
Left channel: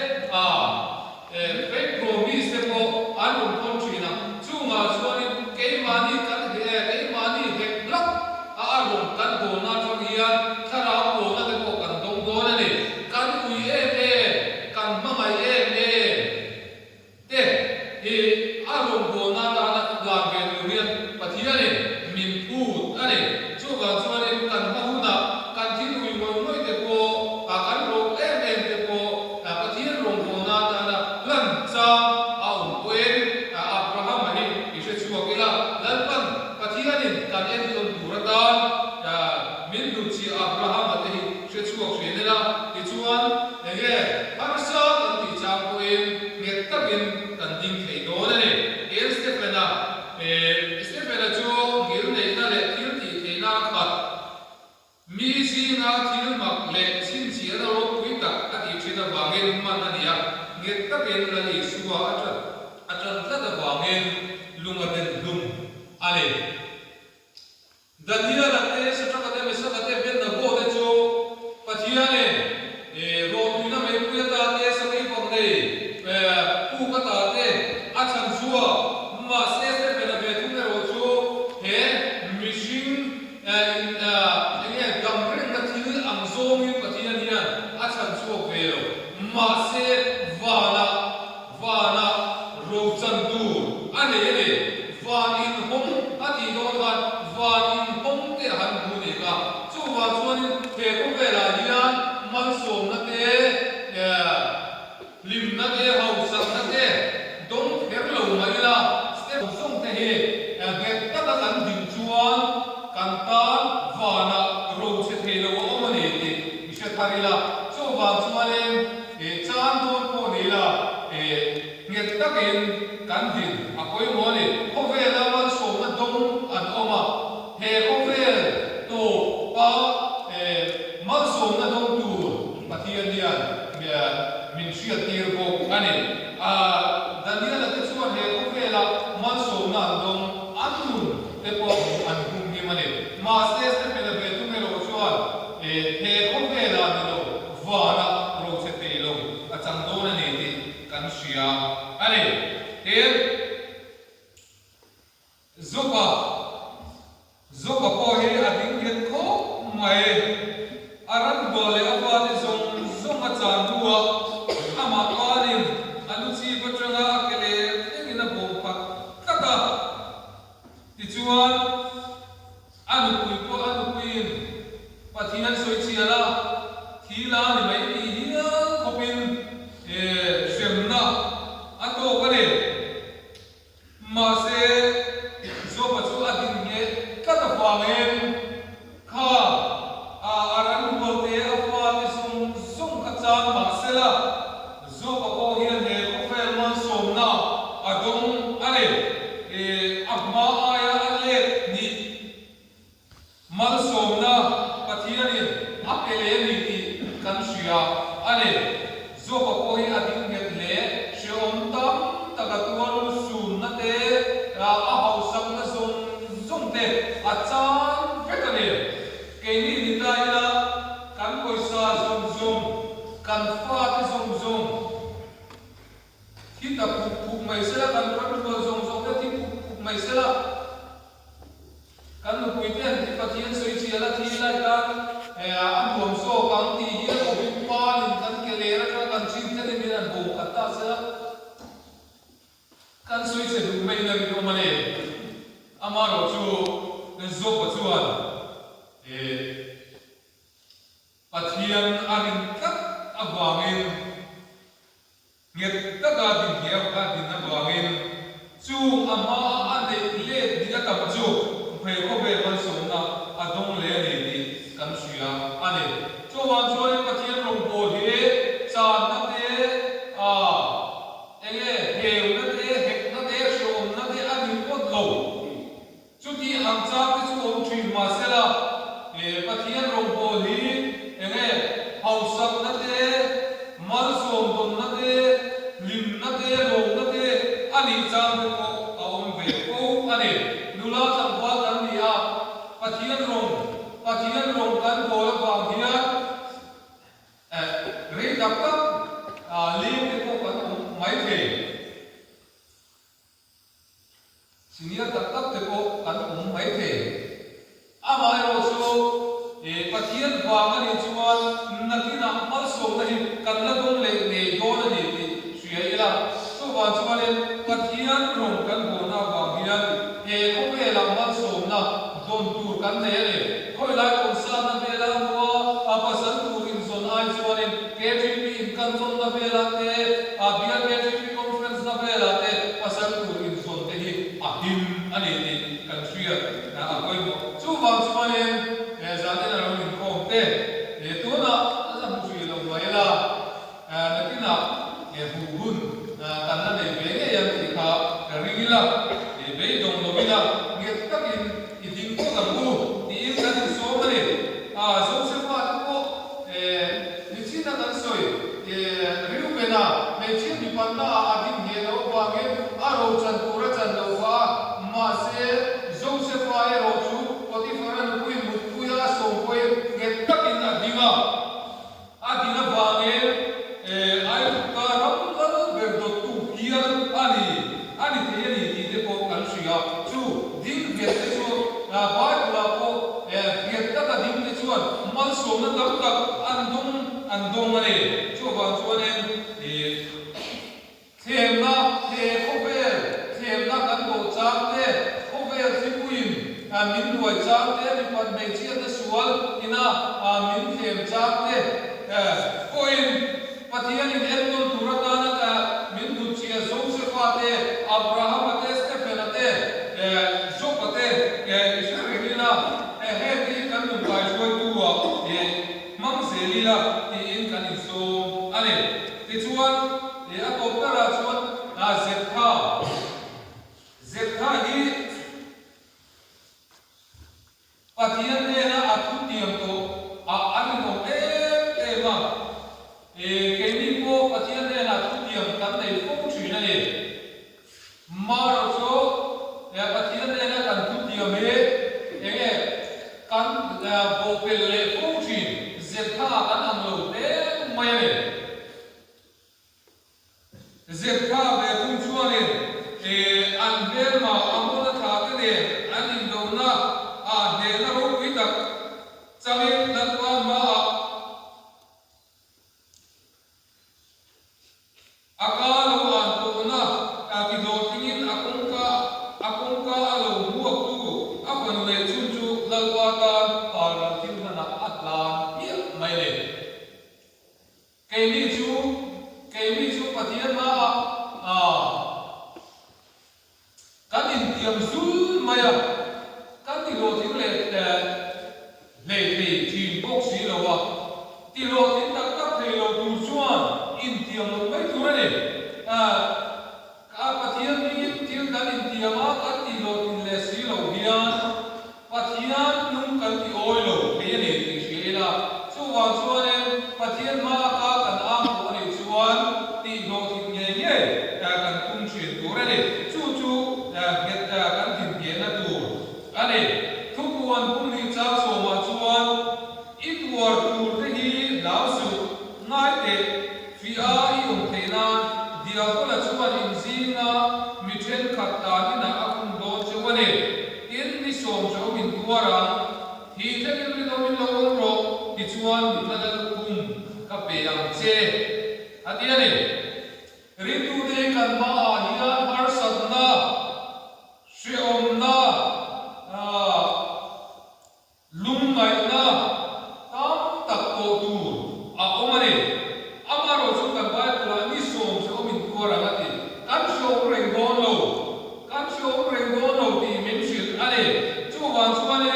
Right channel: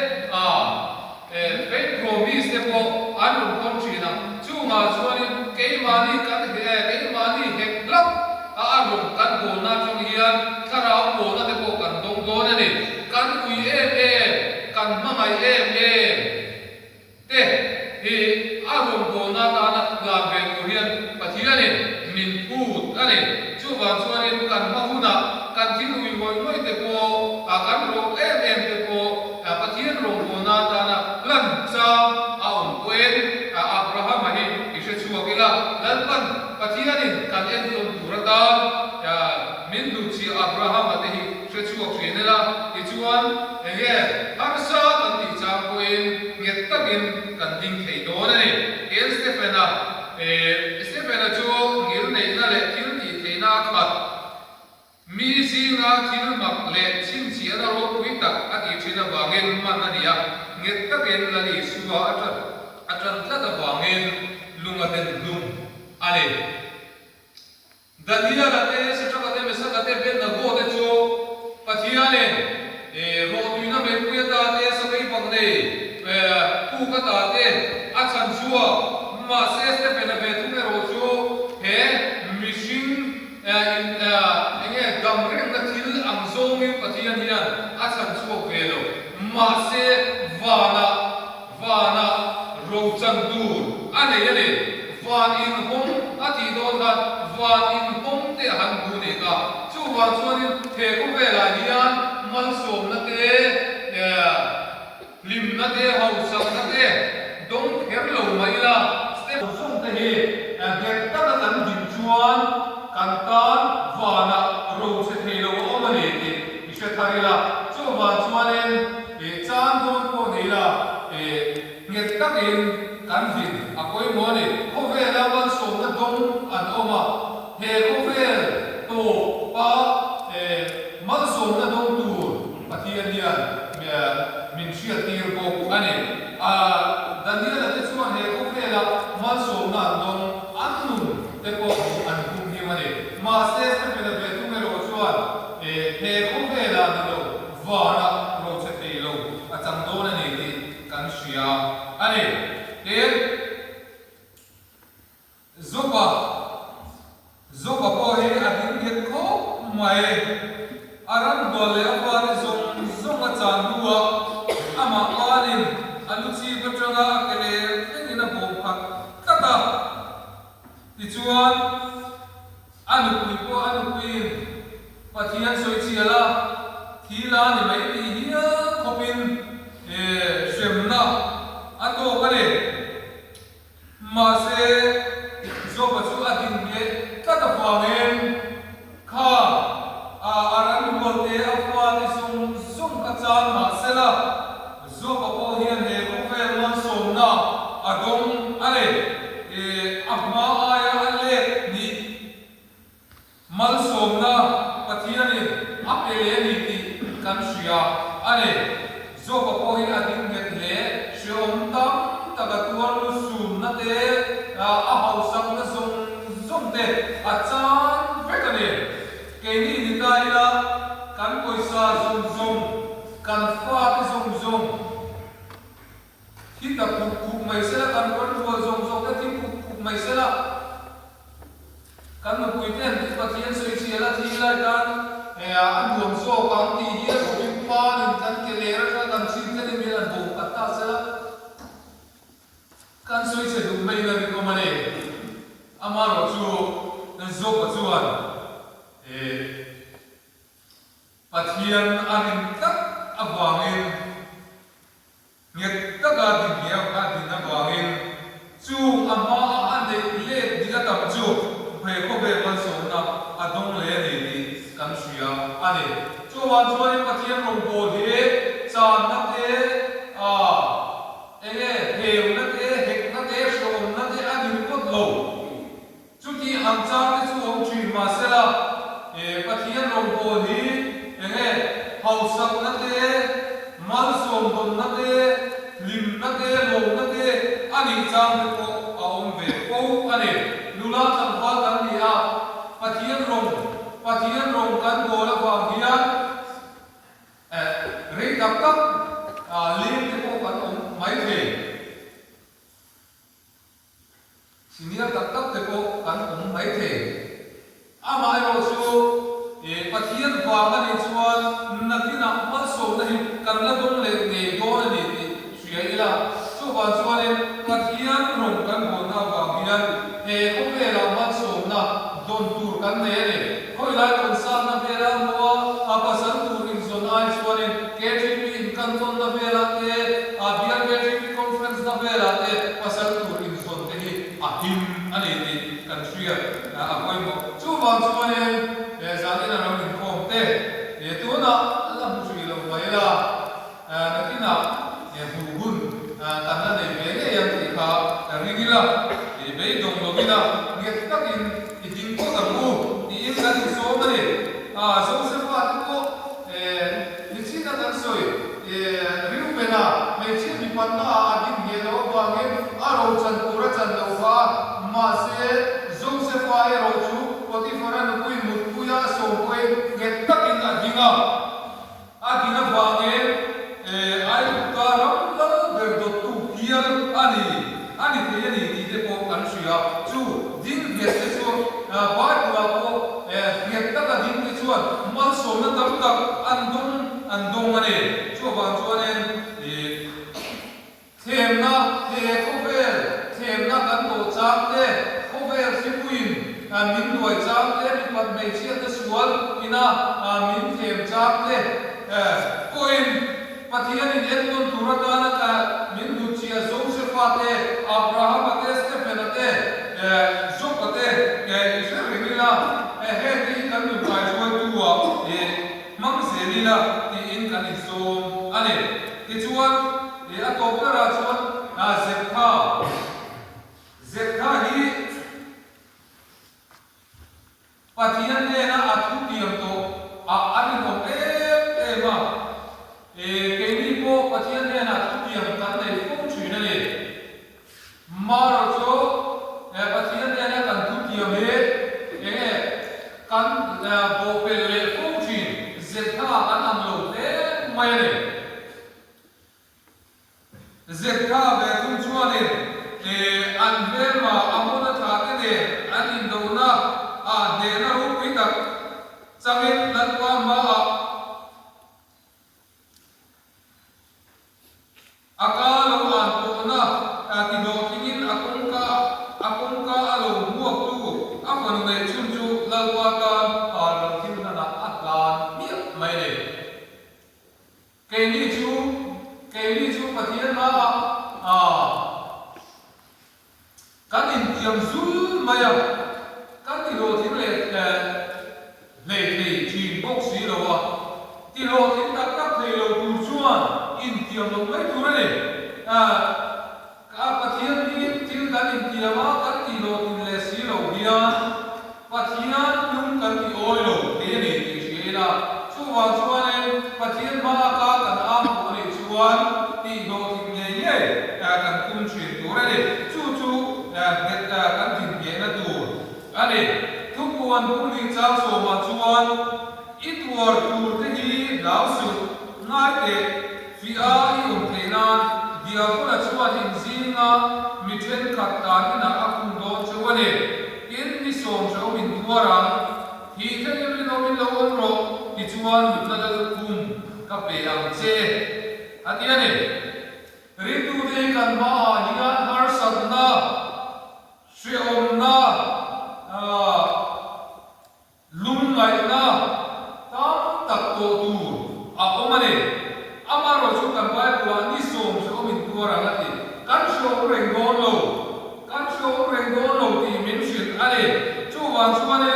fake promise thế po arong con chỉ nào chú mà chú anh em cái money cần cái money hết lắm arong cần po na trong hiền karao po na te po kan dong do na ni kan ui kan mamai te arong po na ta na ga ve rian pathia ni min pu ani chu ga chuan kan ma hu na kan thin ui moi te po kan ro te po pathian rong po na ta na lan cha quen abraham hi ishe chuak ila lan pan pathian ni kan en ton turata min du chi abraham ate hi she chuak shene la ki chuan enge har sa kan ti chang ko in nget takin kan ding thei do na ni stefana chu ngil nei na le thil ti thei na khat mi si na thil mak le chin chi na ro pui tak ati china wangen man ania nget takin la ni suwa atan tla da wangen lunga den lung ale Dania la te se traba te mesa la te ben na go de cho pathia ne ro tu na me pu ta te sa kai pang ne pu ka ta te a chan chua ma se pe na be tu me ro cho he mishing in enge gam reng na thil ang zo mi pathia hian a chan chua ve lo ma se vana ro chan dur ane yale van in hom ati don han van in hom te han bu ne ka chu wa chuan in the ko ve la hian man som na te lim na te hau sak na te dong pher lo mai la step som te he ge ta ka kan din chuan kan ta vana ro se the lo om ne te ishe tharila chu wa chuan in chan don ko ne la nget takin kan vin akoi mo ni ko ve la man som na dong an oma he ko ve to pa man som na dong tu pathian lian min shia tir ko ani danila la te chuan he ko ve la man som na dong an nun te po an hum hi mani ma se pe na ve tu me ro chuan he ko ve la na lo va na ro se te lo a chang do na ni ti kan shia ani he zoba la ni mai ti hiya khopin swemna ato kare ma se zo ba chu adin nge ka ta fangen kha aran bolte afwa ni sum ka chan ma sela zo ba ko hian he ko fe ma somna adong ale agma aya ale ni mal somna pathiani apele ni ti kan suya ale zo ba ko hi adin met le shom tam tagatuan sun na te a hausam na zong te a chan vekani ke ni ta ila kan poisa zong kan fa te zong kita puk mai sela kan ron tu zong te ti puk mai sela kan no puiten ti pathian soi chi ala thi lai kan an lom so kan ti hi ko bi pa lin kan ke le ra kan chin te ni an bo atta sela kan soi se du mai na ko mane amaro chu zo ko chuan pathian anin tak awangin nget taka din hiya ka din na awangin chu ama ande le dila kam chu phai ko be man so na adong le ni ni kan suya ane chu wan chu ni pathian rong bo he cha na te enge heu na te hek na te shom na te anin ko lo chu ti ang cha te chu om thin ma sela pathian rong bo hi enge hausak na te mal som don na te lim na te lo na te ani chang te ko aom ve ko ane lula chang wa kan ni a pathian rong kan bo la wa hian re dak tak lim te ko kan om mai the senior dak tak te ko kan om mai the ama ro chu pathian wa kan ni chuan nakina mal som na hi kan la dong le ne do na ni ti suya ila chu wa chuan pathian rong kan bo na wa hian ko ve la mal som na don tur kan ne ne khoi lai kon san na ve la no apa san tur in zon ai chuan catering in kan zon na ve la te bial catering conference na ve la te pasan tur in zon te hi ahim ani ni kan suya na koi mo chu wa chuan zani na ro in kom te tu na la mu sui lo mai la na kina bu gun tan na ne ve ne yang ti kha ri ni la be dong lo bina nge takin iding ko ta bu ni in kan so mane so se pa ko ni chi na tan soi ri lu be na me chi mi pan na adin he lo ba nge a ro chan tu ra chan lo fa ma se zo se fa e ro chu ko ti fa na ku mu ku ya so ko nge takin adinga adina ba nge ai ka ram la be do tu hian ani te ni ti te ko kan suya chu din ve te chu ba la ko ve ta ka din te chuan mal so na tak tak andong ane chu ba chuan them na he ko them na kan do chang te ko ve fi puin min duai chang te mi pat mai chiat na sual ina min them chang te koin pathian in endon turata na ka min du chia zo se fa te abraham te stephen te zo te israel la he te kan du bai zo tu wa mang se li la ti in kan in so ane ti chuan a to para chuan zetha hi pathian ne na athu tiam to ani to ma ke ni ko pathian ne na athu tiam kan nei ko chui na le ma ro cho pathian ne na kan thu tiam he kan bo pe le ko chui zetha kan am lo te mai ne zetha ve kun chuan an vel ma amona tha ke ne an in do na de na ru pi tak changin lan wa ma akalo an to na ti do tingin akon ka alo muak tu afan le chun chu lalwa ka par thil na atlan mi mai le cái ni chú Pathian ma các in tiệm zul maya các tỷ lô thiên lệ thì bốc xí đâu à tỷ lô thiên các thầy lô tu chuan in tiệm một mấy tu này các Pathian ni thiên các in tiệm các tỷ lô thiên lệ xí đâu hiền Pathian nung các tỷ oi lô thế này thì xí là chú hoàng chuan em Pathian ma các cần am của này chuan tỷ lô thiên nhẹ nhẹ cần cung chuyển tu này chú get kan tin ge na tu ane thukuan pumi chang so ma chuan itwar tur te hi lau su ngai te fi a I on theina dia kola chuan in zinga mi then khat ta ni na akum do chuane in ni som so min tuara hi the ni no min lo ro ti chuan mi na dal kum ka pe ang che atiane ri tu de kan ma hian har sadna Sri Om na lung ngai na tam tak to tu Om ane amaro chu kan bai ko ani som so min ko ra ati kan so reng don lo ti min shil ane chu wan chu ane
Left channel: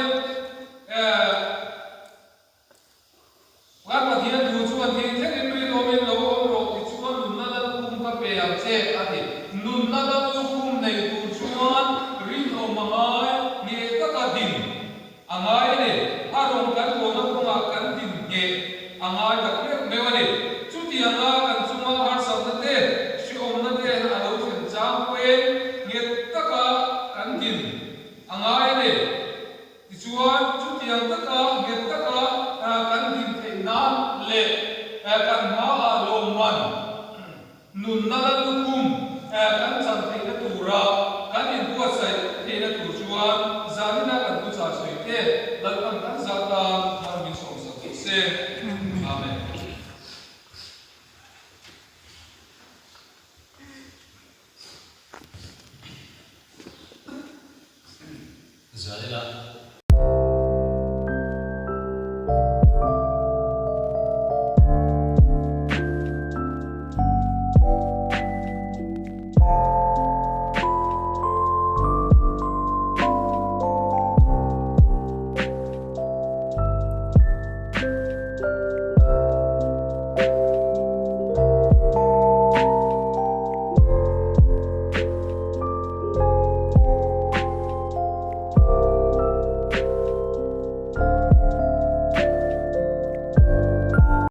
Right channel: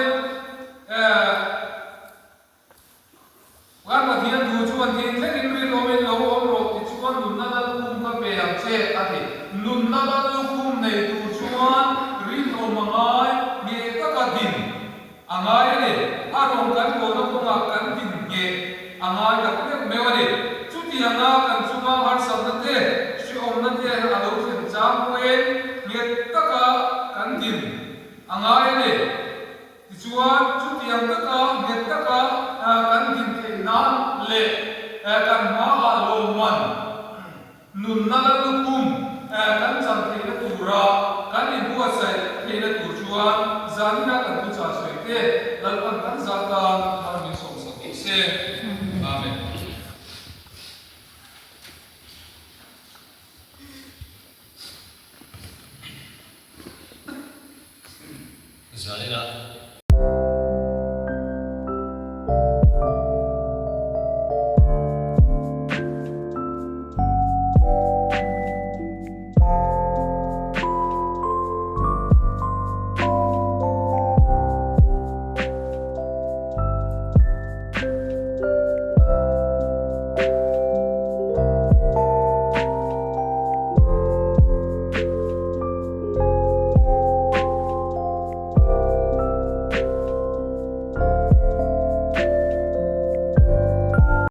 wan ma thian du chu an thi thek ri no men lo om ro ti chu an nun na da kum ka pe am che ati nun na da kum nei tu chuan rin o mangai nge ka ka din angai ne arong kan ko no kuma kan din nge angai da ku me wani chu ti anga kan chuma har sa na te shi om na te a lo chen chang we nge ka ka kan din angai ne ti chuan chu ti anga ka nge ka ka kan din te nan le kan ma a lo man nun na da kum kan chang